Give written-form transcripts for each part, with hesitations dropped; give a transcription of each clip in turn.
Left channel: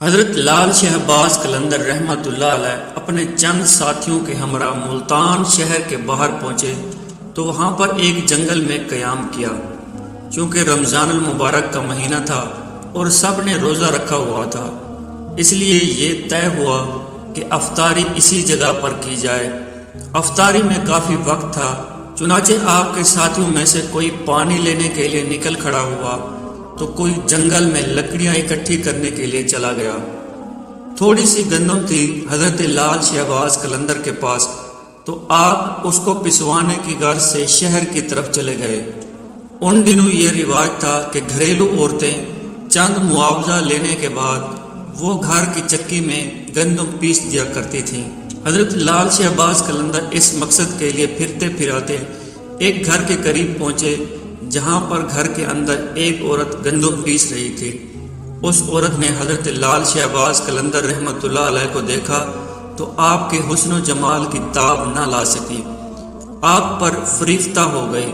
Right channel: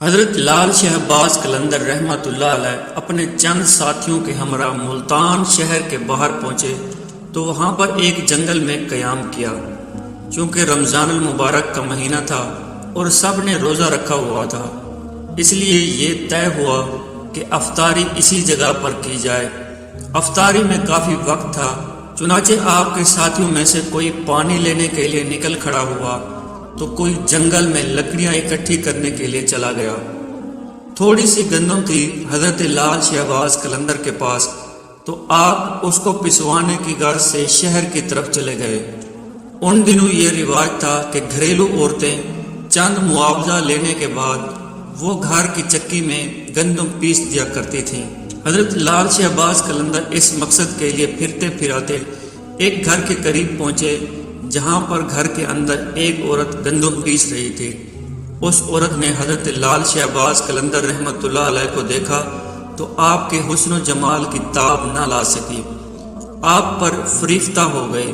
حضرت لال شاہ عباس قلندر رحمۃ اللہ علیہ اپنے چند ساتھیوں کے ہمراہ ملتان شہر کے باہر پہنچے تو وہاں پر ایک جنگل میں قیام کیا۔ چونکہ رمضان المبارک کا مہینہ تھا اور سب نے روزہ رکھا ہوا تھا، اس لیے یہ طے ہوا کہ افطاری اسی جگہ پر کی جائے۔ افطاری میں کافی وقت تھا، چنانچہ آپ کے ساتھیوں میں سے کوئی پانی لینے کے لیے نکل کھڑا ہوا تو کوئی جنگل میں لکڑیاں اکٹھی کرنے کے لیے چلا گیا۔ تھوڑی سی گندم تھی حضرت لال شاہ عباس قلندر کے پاس، تو آپ اس کو پسوانے کی غرض سے شہر کی طرف چلے گئے۔ ان دنوں یہ رواج تھا کہ گھریلو عورتیں چند معاوضہ لینے کے بعد وہ گھر کی چکی میں گندم پیس دیا کرتی تھی۔ حضرت لال شاہ عباس قلندر اس مقصد کے لیے پھرتے پھراتے ایک گھر کے قریب پہنچے، جہاں پر گھر کے اندر ایک عورت گندم پیس رہی تھی۔ اس عورت نے حضرت لال شاہ عباس قلندر رحمۃ اللہ علیہ کو دیکھا تو آپ کے حسن و جمال کی تاب نہ لا سکی، آپ پر فریفتہ ہو گئی۔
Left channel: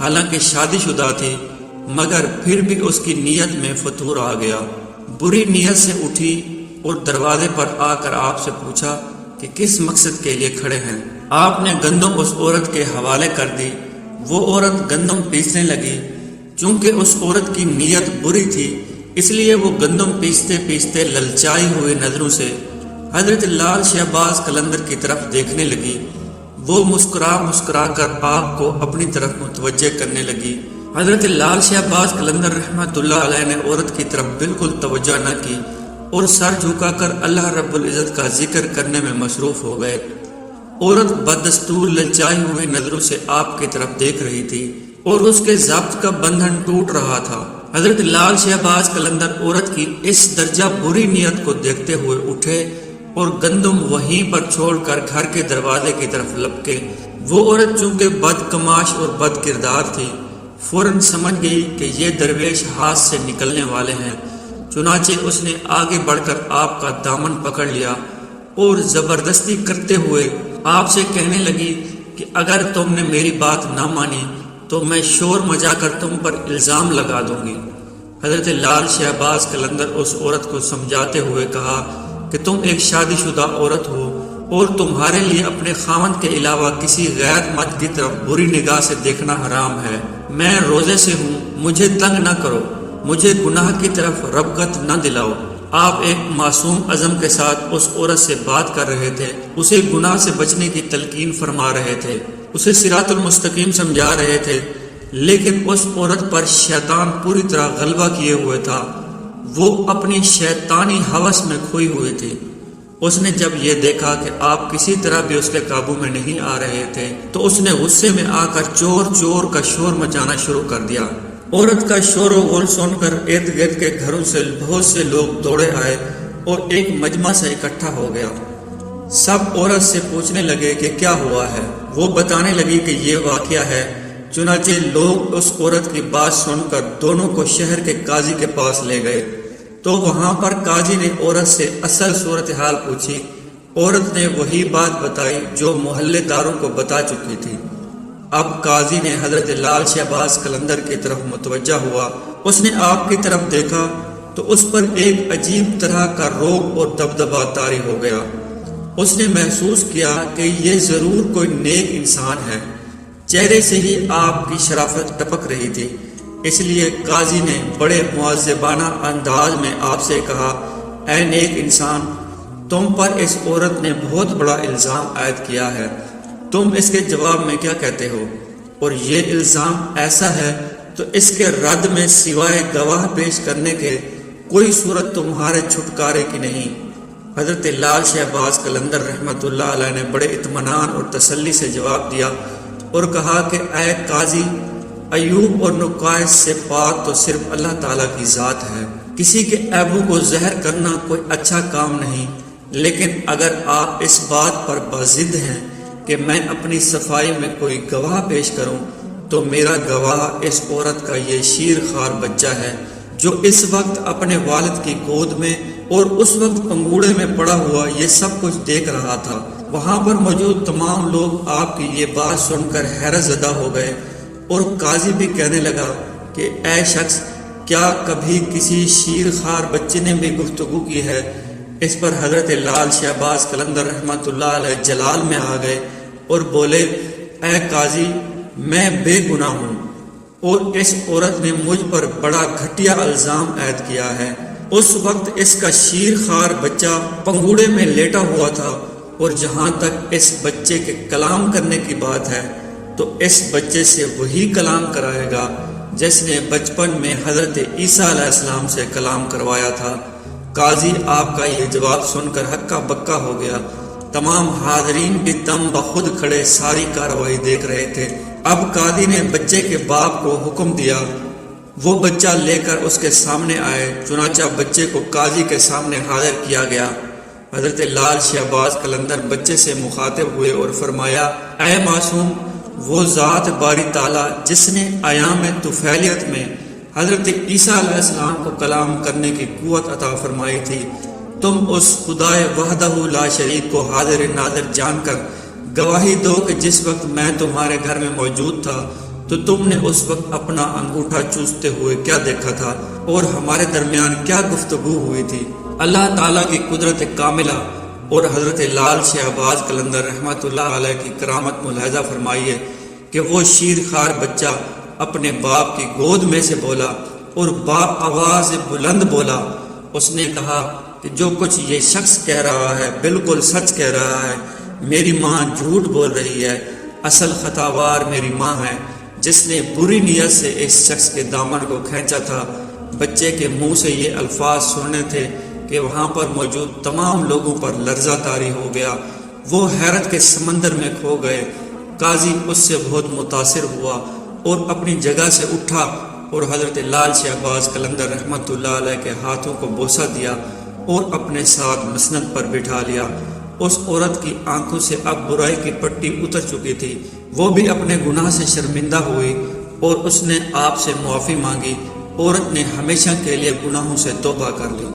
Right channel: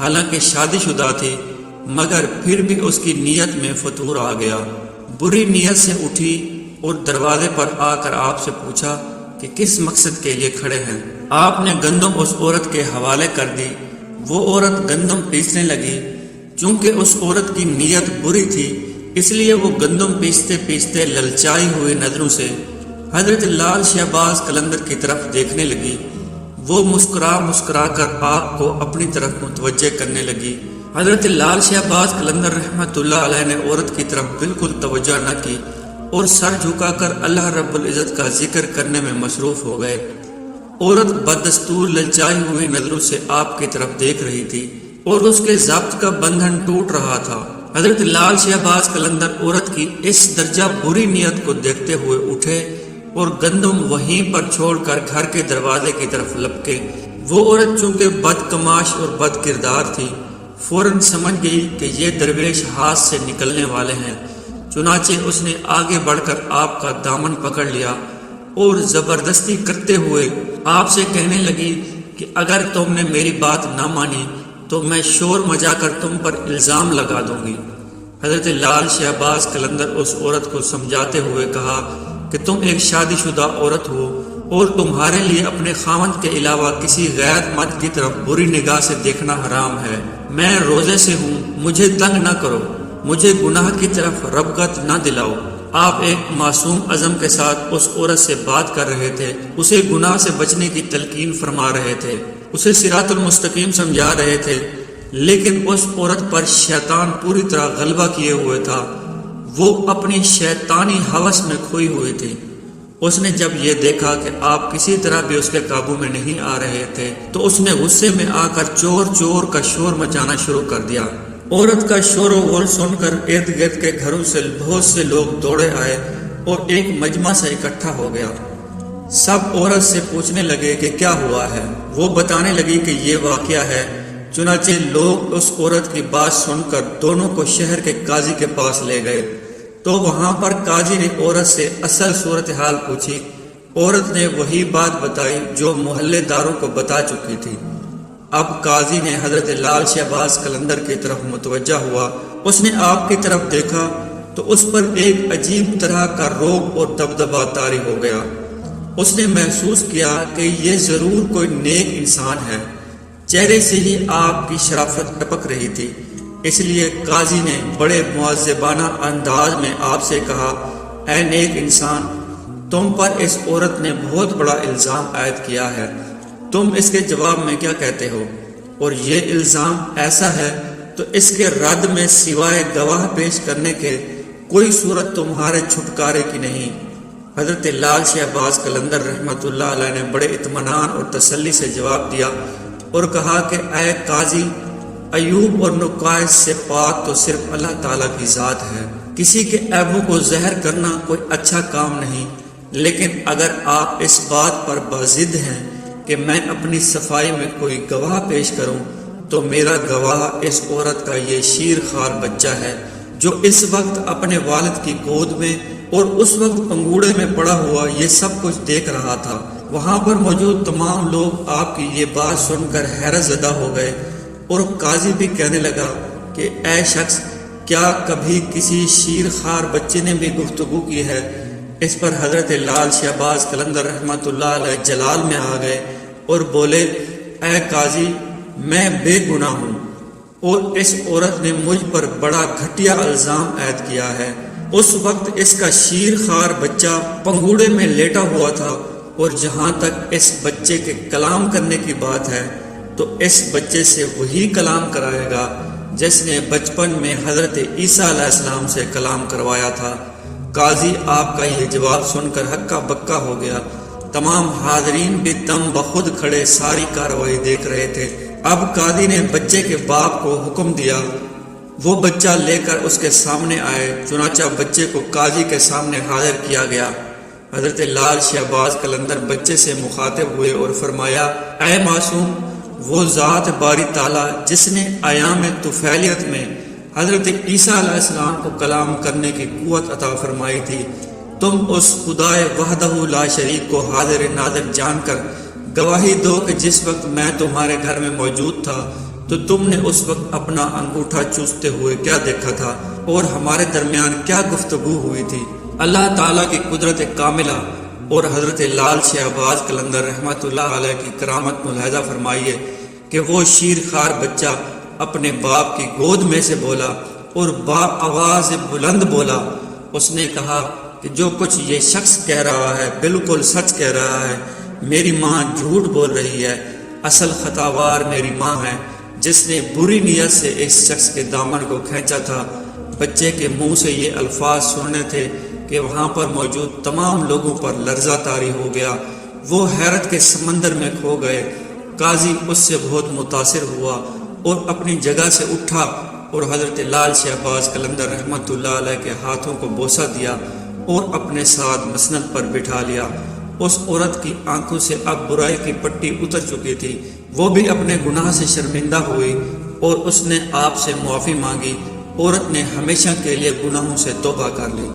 حالانکہ شادی شدہ تھی، مگر پھر بھی اس کی نیت میں فتور آ گیا۔ بری نیت سے اٹھی اور دروازے پر آ کر آپ سے پوچھا کہ کس مقصد کے لیے کھڑے ہیں۔ آپ نے گندم اس عورت کے حوالے کر دی۔ وہ عورت گندم پیسنے لگی۔ چونکہ اس عورت کی نیت بری تھی، اس لیے وہ گندم پیستے پیستے للچائی ہوئے نظروں سے حضرت لال شاہ عباس قلندر کی طرف دیکھنے لگی۔ وہ مسکرا مسکرا کر آپ کو اپنی طرف متوجہ کرنے لگی۔ حضرت لال شاہ عباس قلندر رحمۃ اللہ علیہ نے عورت کی طرف بالکل توجہ نہ کی اور سر جھکا کر اللہ رب العزت کا ذکر کرنے میں مصروف ہو گئے۔ عورت بدستور للچائی ہوئی نظروں سے آپ کی طرف دیکھ رہی تھی اور اس کے ضبط کا بندھن ٹوٹ رہا تھا۔ حضرت لال شاہ عباس قلندر عورت کی اس درجہ بری نیت کو دیکھتے ہوئے اٹھے اور گندم وہیں پر چھوڑ کر گھر کے دروازے کی طرف لپکے۔ وہ عورت چونکہ بد کماش اور بد کردار تھی، فوراً سمجھ گئی کہ یہ درویش ہاتھ سے نکلنے والے ہیں۔ چنانچہ اس نے آگے بڑھ کر آپ کا دامن پکڑ لیا اور زبردستی کرتے ہوئے آپ سے کہنے لگی کہ اگر تم نے میری بات نہ مانی تو میں شور مچا کر تم پر الزام لگا دوں گی۔ حضرت لال شاہ عباس قلندر اس عورت کو سمجھاتے ہوئے کہا کہ تم ایک شادی شدہ عورت ہو اور تمہارے لیے اپنے خاوند کے علاوہ کسی غیرت مند کی طرف بری نگاہ سے دیکھنا حرام ہے۔ میں روزے سے ہوں، مجھے تنگ نہ کرو، مجھے گناہ کی طرف رغبت نہ دلاؤ۔ آپ ایک معصوم عزم کے ساتھ اس عورت سے بات کر رہے تھے، اسے گناہ سے بچنے کی تلقین فرما رہے تھے، اسے صراط المستقیم سمجھا رہے تھے، لیکن اس عورت پر شیطان پوری طرح غلبہ کیے ہوئے تھا۔ وہ اپنی شیطانی ہوس میں کھوئی ہوئے تھے۔ اس نے جب یہ دیکھا کہ آپ کسی طرح بھی اس کے قابو میں نہیں آ رہے تھے تو اس نے غصے میں آ کر چور چور کا شور مچانا شروع کر دیا۔ عورت کا شور و غل سن کر ارد گرد کے گھروں سے بہت سے لوگ دوڑے آئے اور ایک مجمع سے اکٹھا ہو گیا۔ سب عورت سے پوچھنے لگے کہ کیا ہوا ہے۔ وہ بتانے لگی کہ یہ واقعہ ہے۔ چنانچہ لوگ اس عورت کی بات سن کر دونوں کو شہر کے قاضی کے پاس لے گئے تو وہاں پر قاضی نے عورت سے اصل صورتحال پوچھی۔ عورت نے وہی بات بتائی جو محلے داروں کو بتا چکی تھی۔ اب قاضی نے حضرت لال شاہ عباس قلندر کی طرف متوجہ ہوا۔ اس نے آپ کی طرف دیکھا تو اس پر ایک عجیب طرح کا رعب اور دبدبہ طاری ہو گیا۔ اس نے محسوس کیا کہ یہ ضرور کوئی نیک انسان ہے۔ چہرے سے ہی آپ کی شرافت ٹپک رہی تھی۔ اس لیے قاضی نے بڑے معذبانہ انداز میں آپ سے کہا، اے نیک انسان، تم پر اس عورت نے بہت بڑا الزام عائد کیا ہے، تم اس کے جواب میں کیا کہتے ہو؟ اور یہ الزام ایسا ہے تو اس کے رد میں سوائے گواہ پیش کرنے کے کوئی صورت تمہارے چھٹکارے کی نہیں۔ حضرت لال شاہ عباس قلندر رحمۃ اللہ علیہ نے بڑے اطمینان اور تسلی سے جواب دیا اور کہا کہ اے قاضی، ایوب اور نقائص سے پاک تو صرف اللہ تعالیٰ کی ذات ہے۔ کسی کے عیبوں کو ظاہر کرنا کوئی اچھا کام نہیں، لیکن اگر آپ اس بات پر بضد ہیں کہ میں اپنی صفائی میں کوئی گواہ پیش کروں تو میرا گواہ اس عورت کا یہ شیر خوار بچہ ہے جو اس وقت اپنے والد کی گود میں اور اس وقت انگوڑے میں پڑا ہوا یہ سب کچھ دیکھ رہا تھا۔ وہاں پر موجود تمام لوگ آپ کی یہ بات سن کر حیرت زدہ ہو گئے اور قاضی بھی کہنے لگا کہ اے شخص، کیا کبھی کسی شیر خوار بچے نے بھی گفتگو کی ہے؟ اس پر حضرت لال شہباز قلندر رحمت اللہ علیہ جلال میں آ گئے اور بولے، اے قاضی، میں بے گناہ ہوں اور اس عورت نے مجھ پر بڑا گھٹیا الزام عائد کیا ہے۔ اس وقت اس کا شیر خوار بچہ پنگوڑے میں لیٹا ہوا تھا، اور جہاں تک اس بچے کے کلام کرنے کی بات ہے تو اس بچے سے وہی کلام کرائے گا جس نے بچپن میں حضرت عیسیٰ علیہ السلام سے کلام کروایا تھا۔ قاضی آپ کا یہ جواب سن کر ہکا بکا ہو گیا۔ تمام حاضرین کے دم بخود کھڑے ساری کارروائی دیکھ رہے تھے۔ اب قاضی نے بچے کے باپ کو حکم دیا وہ بچہ لے کر اس کے سامنے آئے۔ چنانچہ بچے کو قاضی کے سامنے حاضر کیا گیا۔ حضرت لال شہباز قلندر بچے سے مخاطب ہوئے اور فرمایا، اے معصوم، وہ ذات باری تعالیٰ جس نے ایام طفیلیت میں حضرت عیسیٰ علیہ السلام کو کلام کرنے کی قوت عطا فرمائی تھی، تم اس خدائے وحدہ لا شریک کو حاضر ناظر جان کر گواہی دو کہ جس وقت میں تمہارے گھر میں موجود تھا تو تم نے اس وقت اپنا انگوٹھا چوستے ہوئے کیا دیکھا تھا اور ہمارے درمیان کیا گفتگو ہوئی تھی۔ اللہ تعالیٰ کی قدرت کاملہ اور حضرت لال شہباز قلندر رحمت اللہ علیہ کی کرامت ملاحظہ فرمائیے کہ وہ شیر خوار بچہ اپنے باپ کی گود میں سے بولا اور باپ آواز سے بلند بولا۔ اس نے کہا کہ جو کچھ یہ شخص کہہ رہا ہے بالکل سچ کہہ رہا ہے، میری ماں جھوٹ بول رہی ہے، اصل خطاوار میری ماں ہے جس نے بری نیت سے اس شخص کے دامن کو کھینچا تھا۔ بچے کے منہ سے یہ الفاظ سننے تھے کہ وہاں پر موجود تمام لوگوں پر لرزہ طاری ہو گیا، وہ حیرت کے سمندر میں کھو گئے۔ قاضی اس سے بہت متاثر ہوا اور اپنی جگہ سے اٹھا اور حضرت لال شہباز قلندر رحمت اللہ علیہ کے ہاتھوں کو بوسہ دیا اور اپنے ساتھ مسند پر بٹھا لیا۔ اس عورت کی آنکھوں سے اب برائی کی پٹی اتر چکی تھی، وہ بھی اپنے گناہ سے شرمندہ ہوئی اور اس نے آپ سے معافی مانگی۔ عورت نے ہمیشہ کے لیے گناہوں سے توبہ کر لی۔